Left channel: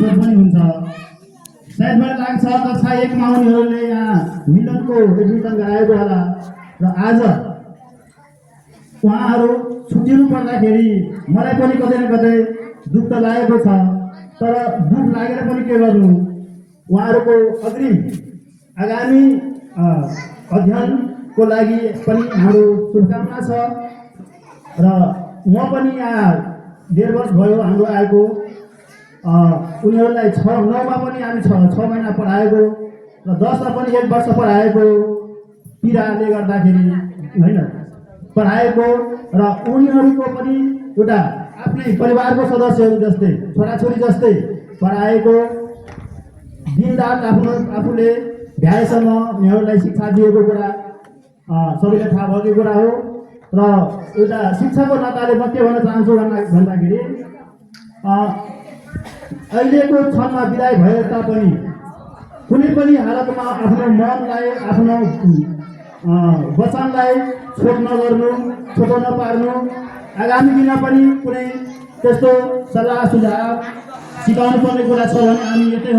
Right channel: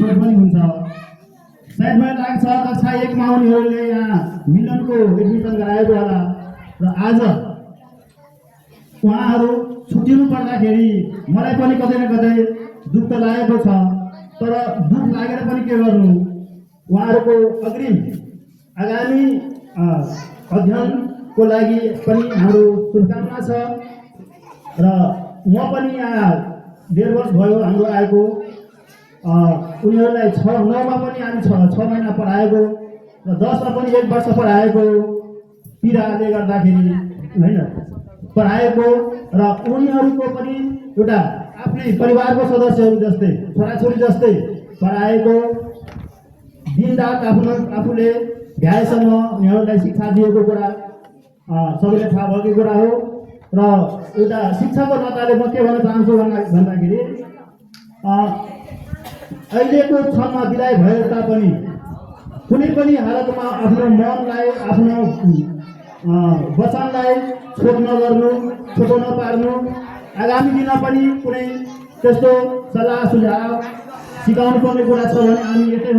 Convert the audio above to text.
सोच पनि हुन्छ। सायद मलाई लाग्छ कक्षा 1 मा उनीहरूले यहाँ मिलनको एडमिसन गराएको होला र आज उहाँहरू छुट्टिनु पर्दाखेरि मलाई पनि कतै न कतै दुःख त लागेको छ। तर दुःख लागेर पनि के गर्नु, उहाँहरूको अग्रिम आगामी अध्ययनको लागि पनि हाम्रो शुभकामना छ। र म पनि यहाँ 1.5 वर्ष भयो हाम्रो आएको। उनीहरूलाई 9 मा पनि हामी 6 महिना पढाएको र 10 मा पनि 1 वर्ष पढाएको पीडाले गर्दाखेरि होइन पढाएको र उनीहरूको पनि एउटा आफ्नै परिवारको सदस्यहरू जस्तै छोराछोरी जस्तै पढाएको। दिनरात आफूले भ्याएसम्म उनीहरूलाई शिक्षा दिएको कुरा सबैले थाहा भएको कुरा हो। र एउटा शिक्षाको नाताले म के भन्न चाहन्छु भन्दाखेरि अहिलेको क्षणमा विदाय भए तापनि कुनै पनि हालतमा आफ्नो मनलाई आफ्नो वचनलाई छोड नगर्नु, छोटो नपार्नु। आगामी दिनमा पनि कुनै त्यस्तो सल्लाह सुझाव सिकाउनु पर्ने कुरा छ भने हामी यतै